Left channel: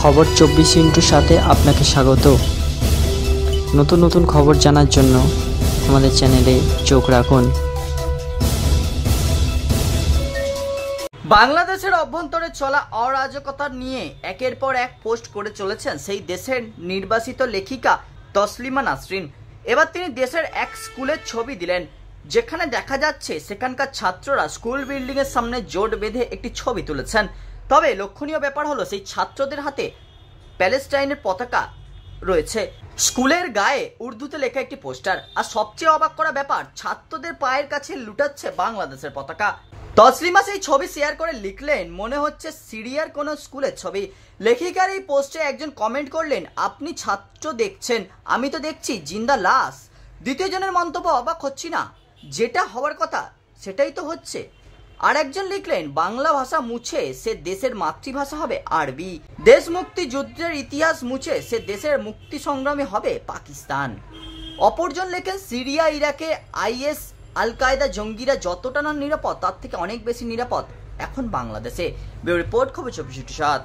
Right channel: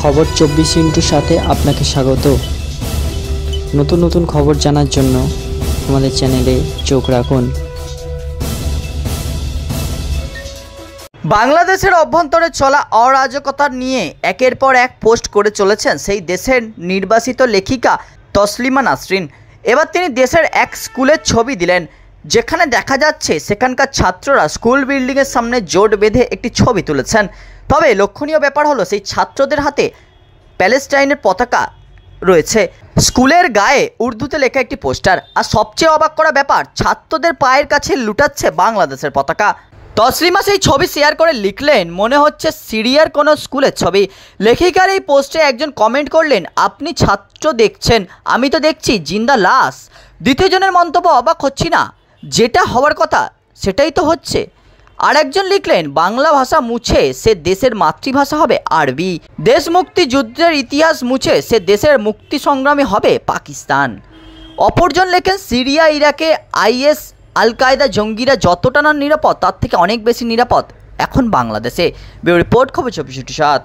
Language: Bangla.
খবর 24 সাথে আপনাকে স্বাগত। নতুন নতুন খবর জানার জন্য আমাদের চ্যানেলে চোখ রাখুন। বাংলাদেশের অভ্যন্তরে চলা অরাজকতা নিয়ে একের পর এক পোস্ট করে চলেছেন সেই দেশের নির্বাসিত লেখিকা তসলিমা নাসরিন। এবার তিনি দেশের এক স্কুলের ছবি দিলেন, যেখানে দেখা যাচ্ছে সেখানকার ছাত্ররা স্কুল বিল্ডিংয়ের সামনে জোট বেঁধে একটি ছবি তুলেছেন। তবে লক্ষণীয় ব্যাপার হলো সেই ছাত্রদের হাতে প্যালেস্টাইনের পতাকা রয়েছে, স্কুলের গায়ে উর্দুতে লেখা একটি পোস্টার। আর সবচেয়ে অবাক করা ব্যাপার, ছাত্রদের পায়ের কাছে লুটাচ্ছে বাংলাদেশের পতাকা। তসলিমা সেই ছবি শেয়ার করে লিখলেন, মনে হচ্ছে সিরিয়ার কোনো স্কুলের ছবি। লেখিকার এই পোস্টে একজন কমেন্ট করলেন, আপনি ছাত্র দেখছেন, আমি তো দেখছি জিন্দা লাশ। দ্বিতীয় জনের মন্তব্য, অবাক হচ্ছি না, যেটা হওয়ার কথা সেটাই তো হচ্ছে। আর একজন লিখলেন, বাংলা ভাষা মুছে সে দেশের মাতৃভাষা হবে আরবি। দেশ মুক্তি যুদ্ধের ইতিহাস মুছে সে দেশের মুক্তি সংগ্রামী হবে পাকিস্তান। অপরজন লেখেন, সিরিয়া ইরাকে আইএস আল কায়দা জঙ্গিরা যতটা না নিরাপদ তার থেকে অনেক বেশি নিরাপদ এখন বাংলাদেশে। ব্যুরো রিপোর্ট, খবর 24/7।